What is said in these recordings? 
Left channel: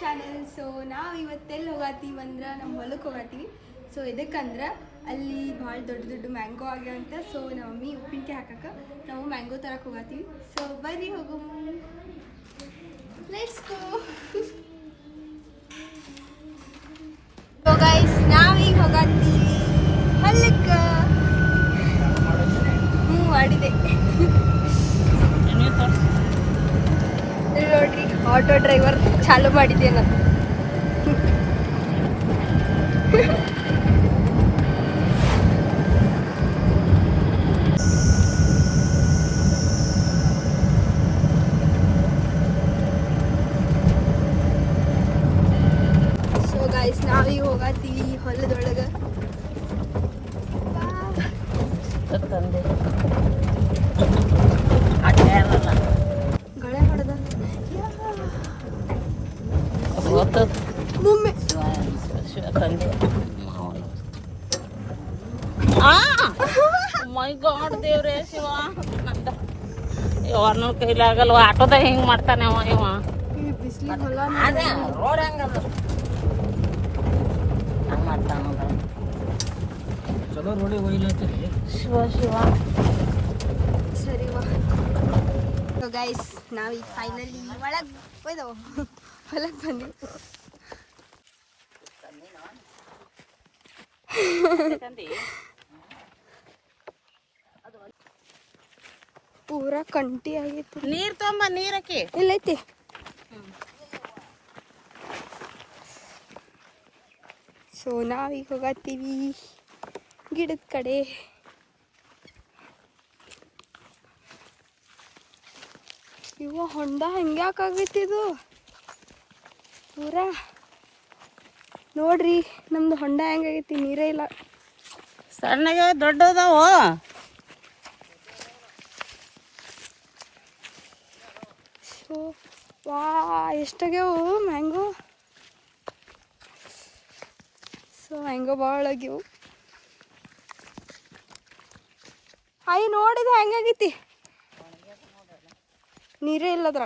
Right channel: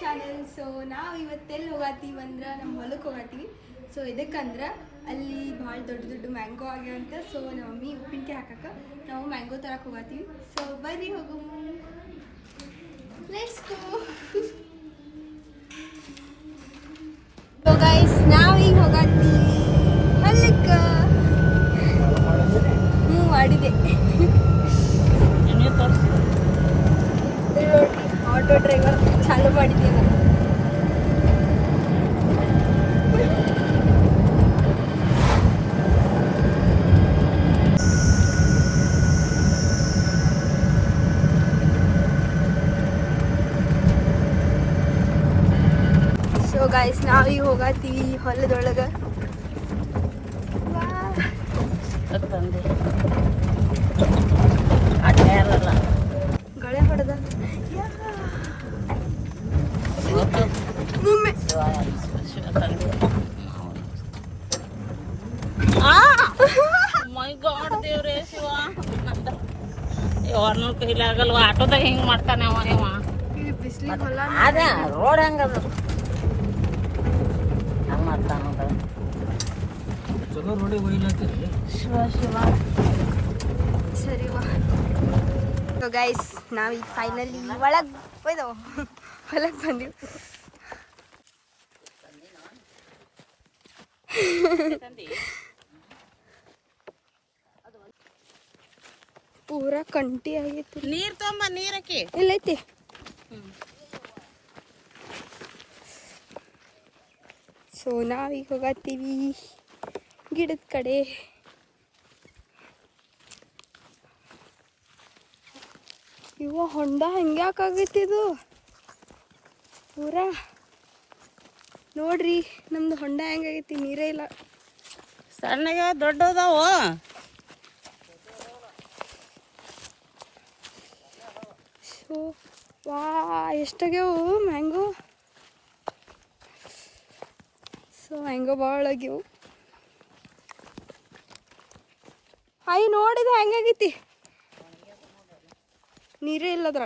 Channel. So ನಾವು ಇವತ್ತೆಲ್ಲಿ ಹೋಗತ್ತೀವಿ ಅಂದ್ರೆ ನಮ್ಮ ಹೊಲಕ್ಕೆ ಹೋಗತ್ತೀವಿ. ಸೊ ಇದಕ್ಕಂದ್ರೆ ಅಲ್ಲಿ ಭಾಳ ದೊಡ್ಡ ದೊಡ್ಡ ಮ್ಯಾಂಗೋ ಆಗ್ಯಾವಂತ. ಸೊ ನಮ್ಮ ಮಮ್ಮಿ ಉಪ್ಪಿನಕಾಯಿ ಹಾಕಕ್ಕೆ ನಾವು ಮ್ಯಾಂಗೋ ತರಕ್ಕೆ ಹೋಗತ್ತೀವಿ. ಸೊ ಬರ್ರಿ ಹೋಗು, ಲೆಟ್ಸ್ ಗೋ. ಸೊ ಗೈಸ್ ನಾವೀಗ ಹೋಗತ್ತೀವಿ ಹೊಲಕ್ಕೆ. ಮಾಡಿದೆ ನೋಡ್ರಿ, ಆಟೋ ಡ್ರೈವರ್ ಚಾಲು ಮಾಡಿದ್ದೇನೆ. ಸೊ ಗೈಸ್ ನಾವೀಗ ಹೋಗತ್ತೀವಿ ಹೊಲದೊಳಗೆ. ಗಳೆ ಹೊಡೆದ ಮುಮ್ಮೆ ಮೈ ಗಾಡ್ ದೇವ್ರೇ ಶಿವ, ಇವ್ರ ಕೈಲಿ ಆಗಲ್ವ. ಆಟೋದಾಗ ಹೆಂಗ್ ಮಾಡ್ತಾನೆ ಅವ ಇವ. ಬಿಸಿಲಿಗೆ ಹೊಲ ರೋಡ್ ಹಂಗದ ಚಲೋ ರೋಡಿಗೆ ಹೋಗ್ಲತ್ತೀರಿ. ಶಿವ ಶಿವ. ಸರಿ ವಾ. ಸೊ ಗೈಸ್ ನಾವೀಗ ಫೈನಲಿ ಒಳಗೆ ಹೋಯ್ದವ, ಹೊಲಕ್ಕೆ ಬಂದಿವಿ. ಪೂರಾ ಕಂಟಿ ಆಗೈತಿ. ನೀರ್ ತೊಂಬ, ನೀರಕ್ಕೆ ಎಲ್ಲೈತಿ. ಸೊ ನಾವೀಗ ಹೋಗತ್ತೀವಿ ಗಿಡದ ಕಡೆ. ಇವ ಹೊಂಡ ಹೆಂಗ್ಯಾಕಾಗೈತಿ ಇದು ಪೂರಾ. ನೋಡ್ರಿ ನಮ್ದು ಹೊಂಡ ಹೆಂಗಾಗೈತಿ, ನೀರೇ ಇಲ್ಲ. ಸಣ್ಣಗೆ ದೊಡ್ಡದಾವ. ಸೊ ವಾ ಎಷ್ಟಾಗ್ಯಾವು ಮ್ಯಾಂಗೋ. ಸೊ ಮ್ಯಾಂಗೋ ಭಾಳ ಆಗ್ಯಾವು. ಹಾಯ್ ನೋಡಿದ ಹೆಂಗಾಗೈತಿ, ನೀರೇ ಇಲ್ಲದ್ರ.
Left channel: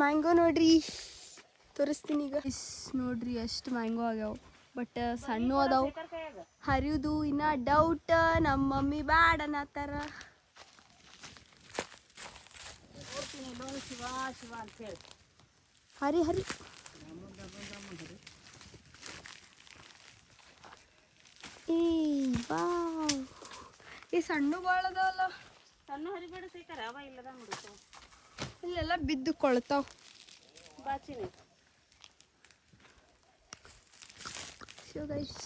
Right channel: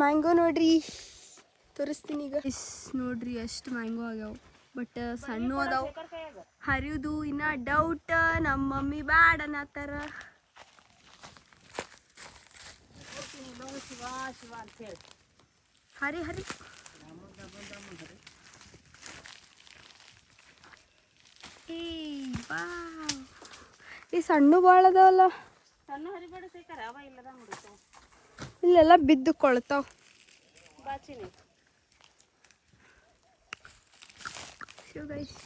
ಮ್ಯಾಂಗೋ ನೋಡ್ರಿ, ತೋರಿಸ್ತೀನಿ ಈಗ. ನೋಡ್ರಿ ಎಷ್ಟು ಮ್ಯಾಂಗೋ ಆಗ್ಯಾವ, ಬಟ್ ಸಣ್ಣ ಅದಾವು. ಹರಿಯುದು ಇನ್ನ ಡೌಟ್. ನಮ್ಮ ಮಮ್ಮಿ ಬ್ಯಾಡ ಅನ್ನತ್ತಾರ. ಶಿವ ಶಿವ ಅಂತ ಹೇಳಿ ಹರಿ ಹರಿ. ಈ ಸಣ್ಣ ಭಾಳ ಅದಾವಲ್ಲ. ಸಣ್ಣ ಹರಿಬೇಡ ಸೇಕಾರ, ಅವ ಇಲ್ಲದ ಮುಡಿತಾವ. ಇಲ್ಲೆಲ್ಲ ಬಿದ್ದು ಕೊಳ್ತಾವ. ಬಾಚಿನಿ ಸೊ ಗೈಸ್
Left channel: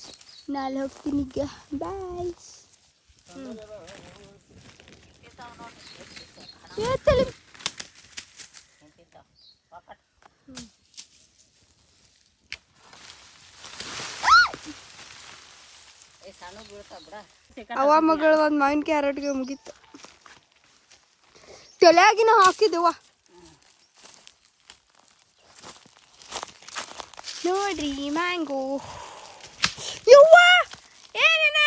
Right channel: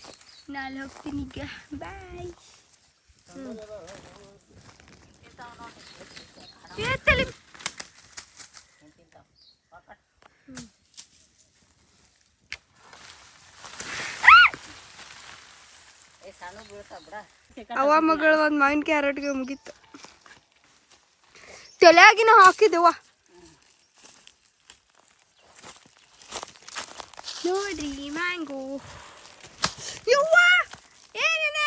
ನಾಳೆ ಹೋಗ್ತೀನಿ ಈಗ. ಬಾಯ್. ಅವ ಮಗಳು ಒಂದು ಮಾವಿನ ಕ್ಯಾರೆಟ್ಗೆ ಮುಗೀತು. ತಲೆಯಾಗಿನ ಹಾಕಿದೆವ ನೋಡ್ರಿ ಮ್ಯಾಂಗೋ. ಯವ್ವ ಏನೇನ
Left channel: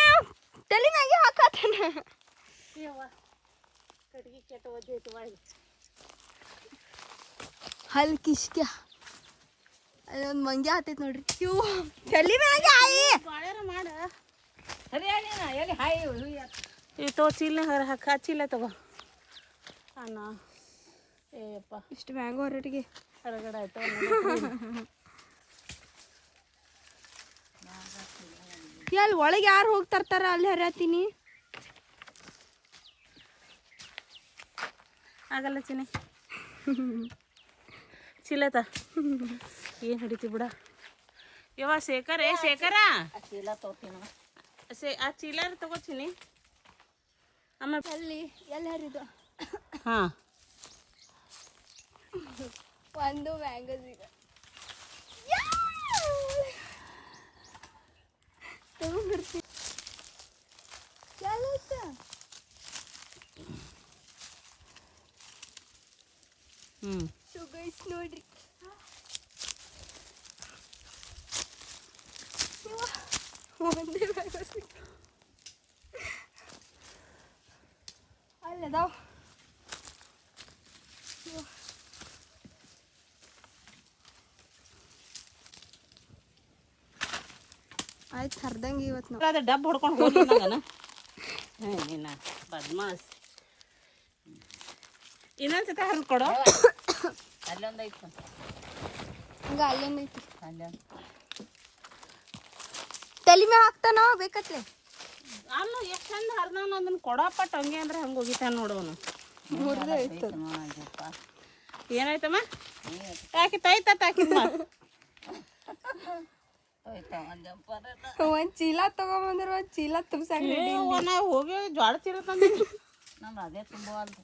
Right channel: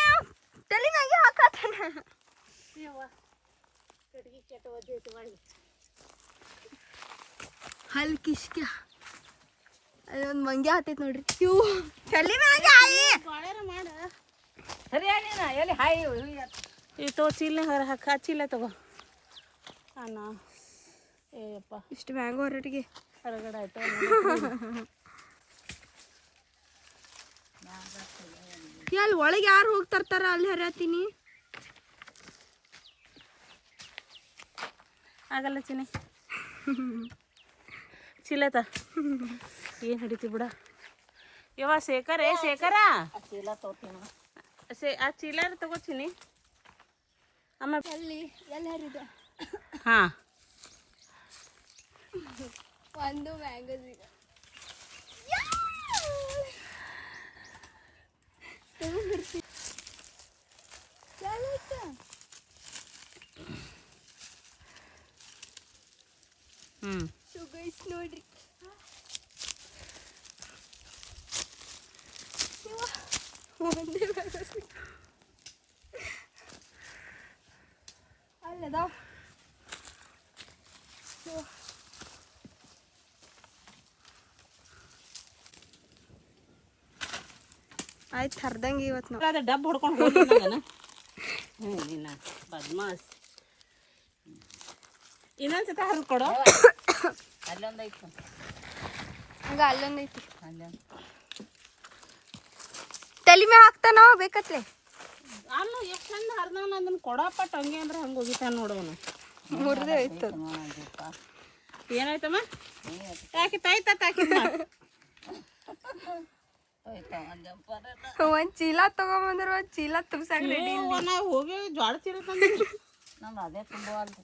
ತಲೆನಾಗೆ ಹಾಕತ್ತಾನ. ಹಲ್ ಕಿಶ್ಕ್ಯ ಅಲ್ಲೊಂದು ಮಂಗ್ಯ ಹತ್ತೈತಿ ನೋಡ್ರಿ. ಇವು ತಲೆ ಮ್ಯಾಗೆ ಮಾಡ ತೋ ಚೀಲ ಹಾಕ, ಚೀಲ ತಗೋ ಅಣ್ಣ. ಏಪ್ಪ ಇಷ್ಟು ಮ್ಯಾಂಗೋ ಹೊರಟಿಗೆ ಹೊರಗಡೆ ಆಯ್ತು. ಅಲ್ಲಿ ಒಳಗೆ ಯಾರು ಹೋಗ್ತಾರ, ಅಲ್ಲಿ ಹರಿಯತ್ತೀನಿ. ಆಗಲ್ಲ ಚಿನಿ, ಚೀಲತ ಏನು ಹಿಡಿತಿ ಬಿಡ. ಯವ್ವ ಶೇಖರ, ಶೇಖರ ಚೀಲ ತಗೋತೀನಿ. ಆ ಚೀಲ ತಗೋತೀನಿ. ಅಮ್ಮ ಅಲ್ಲಿ ಎಲ್ಲಿ ಹರಿದ. ಹಾಂ ಒಂದು ಮ್ಯಾಂಗೋಸ್ ಈಗ ತಗೊಂಡ್ಬರ್ತೀನಿ. ಸೊ ಗೈಸ್ ನೋಡ್ರಿ ಒಂದೇ ಮ್ಯಾಂಗೋ ಸಿಕ್ತು. ಅಲ್ಲದಾವ ಆಯ್ತು ಹರ್ದಂಗೆ ಇವತ್ತು ನಾವು ಅದ ಡಬ್ಬ ಹೊಡ್ಕೊಂಡು ಹೋಗಿ ನನಗನ ನೀನ ಬದ್ಮಾಸ್ ಇನ್ನೊಂದ್ಸತ ಹರಿದು ಕೊಡು ಅಲ್ಲೊಂದು ಐತೆ ಹಂಗ ಅಲ್ಲೊಂದು ಐತಿ ಅಲ್ಲೊಂದು ತಲೆ ಮ್ಯಾಗ ಹಾಕ್ತಾನ ಬೇಕತ್ಲೆ ಅಲ್ಲ ಎಷ್ಟು ಚಂದ ಹರಿದವನು ಅದನ್ನ ಕೊಡಪಟ್ಟು ಹಂಗೆ ಅಂದ್ರೆ ಹಂಗೆ ಹೋಗಿತಾನ ನೋಡವನು ಮುರಿದೇ ಆಯ್ತು ಏನಾಯ್ತಮ್ಮ ಯಾಕೆ ತಾಯ್ತ ತಾಕಿದ್ನ ಒಂದ್ ಚೀಲ ತಗೊಂಬಂದ್ರ ಒಂದ್ ಚೀಲ ತುಂಬಸಾಕ ರೆಡಿ ನಾವು ಹೋಗಿ ಜ್ವಾಳ ಚೀಲ ತಂದಿದ್ವಿ ನಮ್ದು ಅದೇ ತುಂಬವಲ್ದು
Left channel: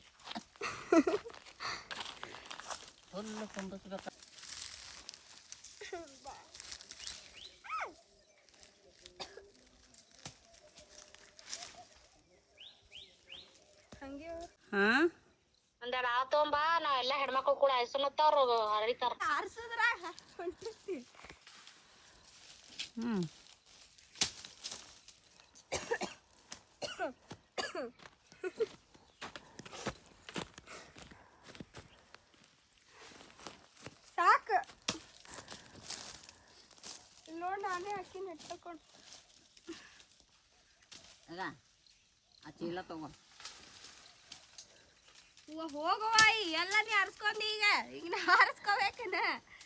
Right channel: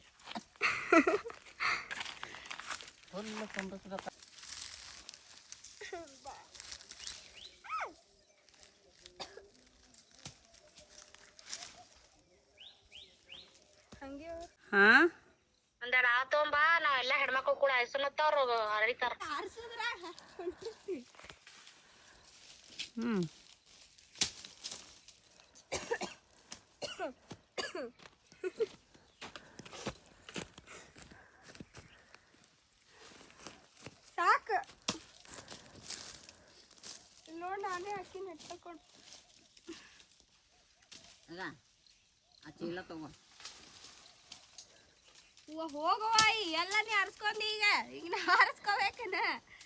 ಫುಲ್ ತುಂಬಿಸ್ಬೇಕು ಹಂಗೆ ಹಾ ಒಂದೆರಡು ಆ ತೊಗೊಂಬ ನಾವೆಲ್ಲ ಹೆಣ್ಮಕ್ಳು ಕೂಡ ಐಸನತ್ತವ್ರು ಹರಿತಾರ ಆರ್ಸದ್ರ ಹೊಂಟಿರ್ತಿ ಹ್ಮ್ ಸಾಕ ನೋಡ್ ನಾನೇ ಹಾಕಿ ನೆಟ್ಟಕೊಂಡು ಆಗ ಆ ಚೀಲ ತಗೋ ಹೋಗವ್ವ ಎಲ್ಲ ನೀ ಆರಿಸ್ಕೊಂಡಿ ಈಗ ಈಗ ನಾ ಆರಿಸ್ಕೋಬೇಕನ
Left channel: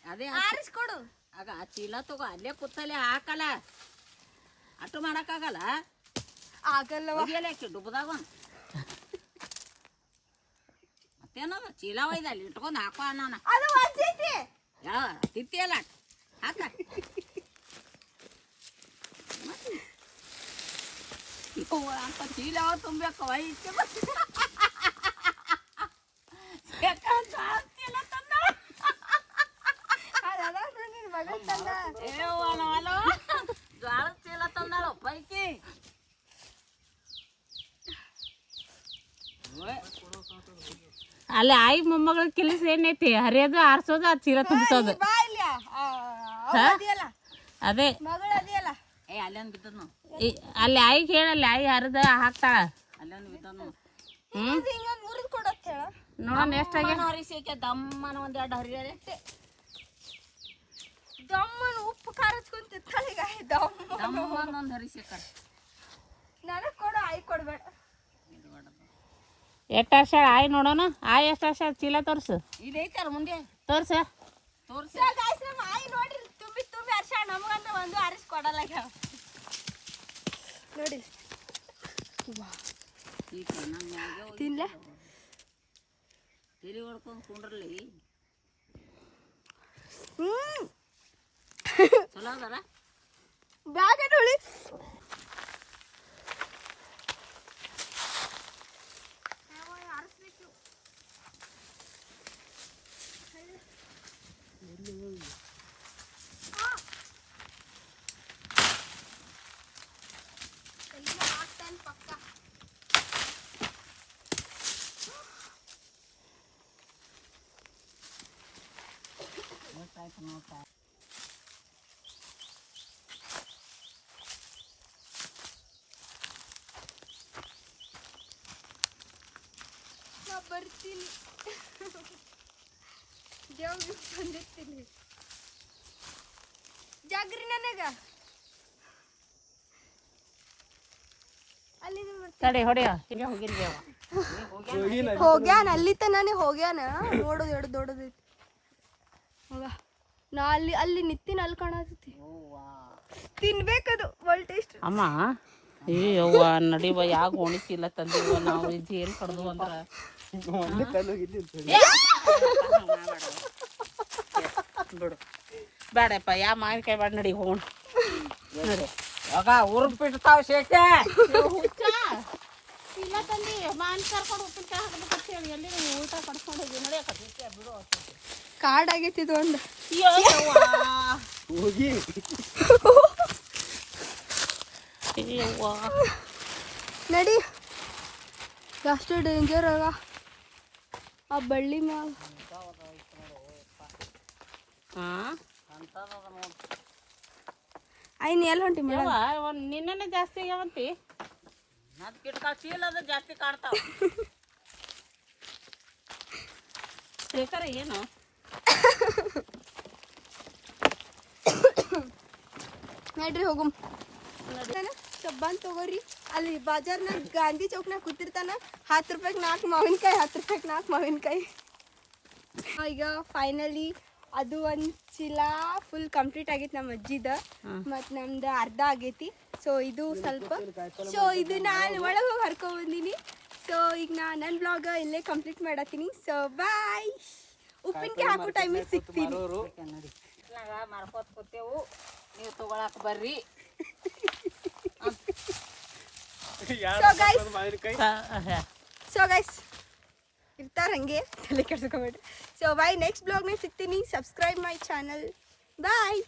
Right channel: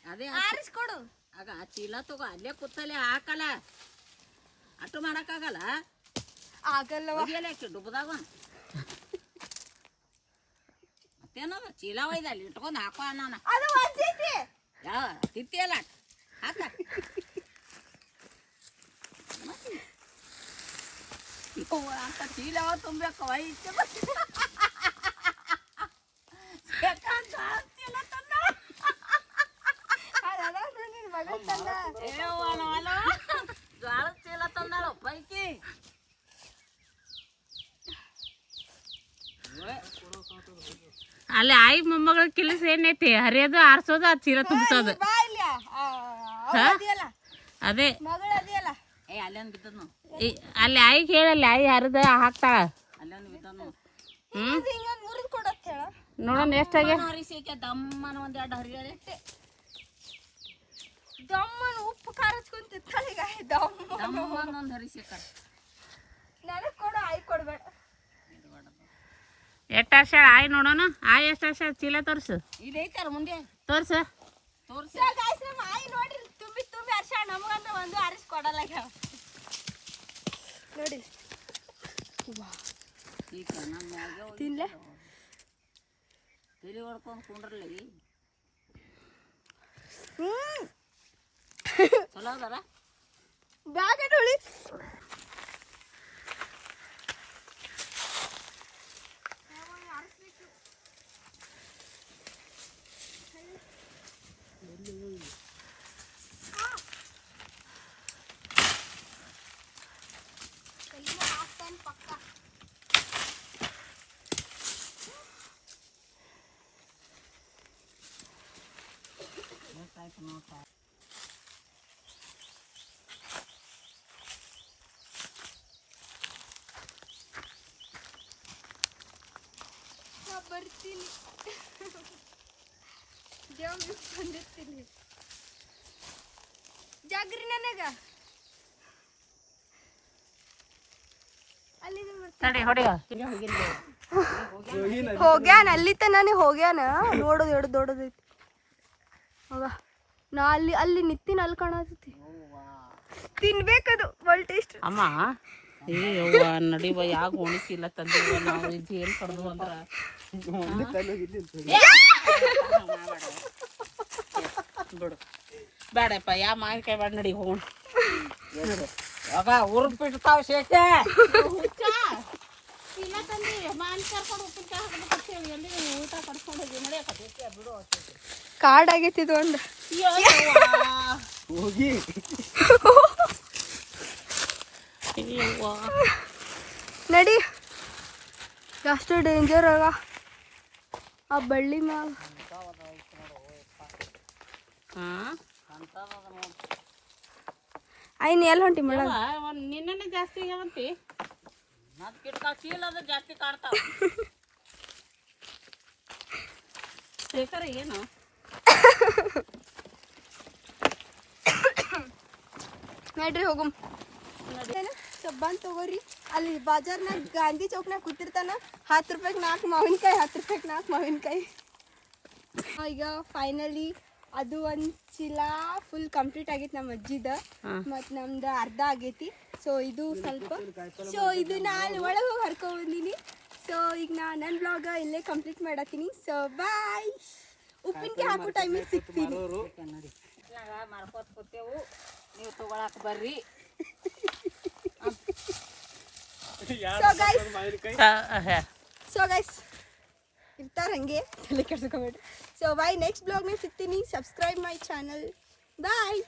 ಅದೇ ಆರಿಸ್ಕೊಡು ಆಗ ಆ ಚೀಲ ತಗೋ ಅಲ್ಲೇ ಕೂತಲ್ಲೇ ಹಾಕಲ್ಲ ಅಟ್ಟು ಮಾಡಕ್ಕಾಗಲ್ಲ ಆಗಲ್ಲವ ಒಯ್ಯಲ್ಲ ಯಾಕೆ ಡುಬ್ಬದಾಗ ಮತ್ತೇನದ ಚೀಲ ಒಯ್ದ ಅಲ್ಲಿ ಇಟ್ಕೊಂಡು ಹಾಕೋ ಅನ್ನ ಅದು ಒಂದೈತಿ ಯಾವ ತಿತ್ತಿಯಲ್ಲ ಹಾಕ ಅಂತ ಚೀಲ ತುಂಬಬೇಕು ವೈದ್ಯ ಜ್ವಾಳದ ಚೀಲ ತಂದಾಳು ಪೈಕಿ ಅಲ್ಲಿ ಆಯಿ ಮೊಮ್ಮಗಳ ಕೆಲಸ ಏನೈತಿ ಹರಿಯೋದು ಆರ್ಸೋದು ಅದು ಚೀಲ ತುಂಬಿಸೋದು ಬಾ ಇಲ್ಲ ಅದಿಯಲ್ಲ ಅದೇ ಮಗಳು ಅದಿಯಲ್ಲ ಏ ಅಲ್ಲೊಂದು ಬಿದ್ದದ್ ನಾವು ಅಲ್ಲಿ ಆಯಿಗೆ ಹೇಳಲ್ಲಿ ಆಯಿ ಹರಿದ ಹಾಕ್ತಾಳ ಅಲ್ಲೊಂದು ಬಿದ್ದದ್ ನಾವು ಇದು ಹಿಂಗೊಂದು ಮುರಿದು ಕೊಡತ್ತೆ ಹೇಳ ನೋಡೋಣ ಎಷ್ಟಾಗ ಹರಿಸಿಕೆ ದಮ್ಮನ ಒಂದೆರಡು ಹರಿಯರೆ ದಮ್ಮನ ಉಪ್ಪು ಖಾರ ಹಚ್ಕೊಂಡ್ ತಿತ್ತಾಳೀಗ ದಮ್ಮ ದಮ್ಮನ ಒಂದು ಹರಿಸಿಕ ನನಗ್ ಕೊಡು ಆಯ್ ಕೊಡ್ಬೇಡ ಎಷ್ಟು ವರ್ಷ ಆಯಿ ನೋಡೋಣ ಆಯಿ ಎಷ್ಟು ವರ್ಷ ಚೀಲ ತೋರ್ಸು ಇಲ್ಲಿ ಐತಾರ ಮುಂದೆ ತೋರ್ಸ ತೋರ್ಸಿ ನಮ್ಮ ಆಯಿ ನೋಡ್ರಿ ತುಂಬಿ ತುಂಬಿ ಹರ್ಷ ನಮಗಂತ ಒಂದು ಅರಿಸಿ ಕೊಡಲ್ಲ ನೋಡಿ ಈಗ ನಮ್ಮ ಮ್ಯಾಗೆ ತಿನ್ಲೆ ತಲೆ ಹೊಡ್ಕೊಂಡು ಕುಂಡ್ರಲಿ ಚಲೋ ಅದಾರ ಬ್ಯಾಗ ನೋಡಿ ನಾ ಬರ್ತೀನಿ ದೇವ್ರಿಗೆ ಬಂದಿರ್ತೀನಿ ಜಾಗ್ರಿ ನನಗ ಅಲ್ಲಿ ತಡಿ ಹೊಡೆಯ ಹೋಗ್ಯಾನ ಅಲ್ಲಿ ತನಾನೇ ಹೋಗ್ಯಾನ ನೋಡೋದು ಎರಡು ದೊಡ್ಡದೈತಿ ಹೋಗ ನಾ ಅಲ್ಲಿ ಅಲ್ಲಿ ನಿತ್ತಿನ ಅಲ್ಲಿ ಕಾಣತೈತಿ ತಿನ್ಬೇಕದು ಒಳ್ಳೆ ಟೇಸ್ಟ್ ಅಮ್ಮ ಅಯ್ಯವ್ವ ನಡಿವ ಯಾಕೆ ಒಣಸಿಲ್ಲ ತಂದಿವ ನಾವು ಜೇಲ್ ಕಡ್ದು ಅಂದ್ರ ಬಿಡು ಬೇಡಪ್ಪ ಯಾ ಮಾವಿನಕಾಯಿ ಬೇಡ ನಡಿ ಹೋಗೋಣ ಆಗ ಉರುಪಿಡ್ತಾವ ಶೇಖೆ ಇಲ್ಲ ತಂದಿ ಮಾವಿನ ಕರ್ಕೊಂಡು ಉಪ್ಪಿನಕಾಯಿ ಹಾಕ್ಬೇಕಂತ ಹೇಳಿ ಎಲ್ಲಿ ಊಟ ಕಡ್ಕೊಂಡು ಹೋಗಿ ನಡೆಯಕ್ಕೆ ಬಿಡು ಕಾಡ್ ಆಗೈತಿ ಇದು ಒಂದು ಹೋಗಿ ನಡಿ ಅಷ್ಟು ಡೇಂಜರ್ ಆಗ ಆ ಬಳ್ಳಿ ಮ್ಯಾಗ ಐನ್ ಎಲ್ಲಿ ಹೊಂಟಿ ಮಳ ಒಂದು ನಿನ್ನೆ ಜಾಸ್ತಿ ಆಗ್ಯಾವಂತಿ. ಅದು ಕಿಟ್ಕ ಚೀಲ ಅದು ಜಾಸ್ತಿ ಕಾಣ್ತಾವ. ಶೇಖರ ಏನು ನಡ್ರಿ ಹೋಗುಮ್ ಸಬ್ಬಾನ್ ತಗೋರಿ. ಅಲ್ಲಿ ಬಾಜಾರ್ನಾಗ ಗಾಂಧಿ ಚೌಕ್ನಾಗ ಕೂತಿರ್ತಾನ. 10 ರೂಪಾಯಿಗೆ 4 ಮಾವಿನಕಾಯಿ, 10 ರೂಪಾಯಿಗೆ 4 ಮಾವಿನಕಾಯಿ. ಈಗ ಫೈನಲಿ ಅದು ಒಂದು ಚೀಲ ಫುಲ್ ಕಂಪ್ಲೀಟ್ ಆಗೈತಿ ನಮ್ಮ ಅಜ್ಜಿದ. ಮತ್ತು ನಮ್ದು ಅರ್ಧ ಆಗೈತಿ. ಸೊ ಇದು ಸ್ವಲ್ಪ ಇದು ನಾನು ಒಳಗೆ ಹೋಗಿ ಹರ್ಕೊಂಡ್ ಬಂದೀನಿ. ಸೊ ಈಗ ನನ್ನ ಬ್ಲಾಗ್ ಇಲ್ಲೇ ಕಂಪ್ಲೀಟ್ ಮಾಡತ್ತೀನಿ. So bye. ಉಪ್ಪಿನಕಾಯಿ ಹಾಕೋ ಟೈಮಿಗೆ ಸಿಗ್ತೀನಿ. ಮಾಡ್ಕೋತ ಕೂತೇವು, ನೀವು ತಗೊಳಕ್ ಬರ್ರಿ. ಸೊ ಗೈಸ್ ಇರ್ತಾರ ಹಂಗೆ ತಲೆ ಕೆಡ್ಸ್ಕೊಬೇಡ್ರಿ. ಸೊ ಬಾಯ್, ನೆಕ್ಸ್ಟ್ ಬ್ಲಾಗ್ನಾಗ ಸಿಗ್ತೀನಿ. Subscribe my channel. ಬಾಯ್.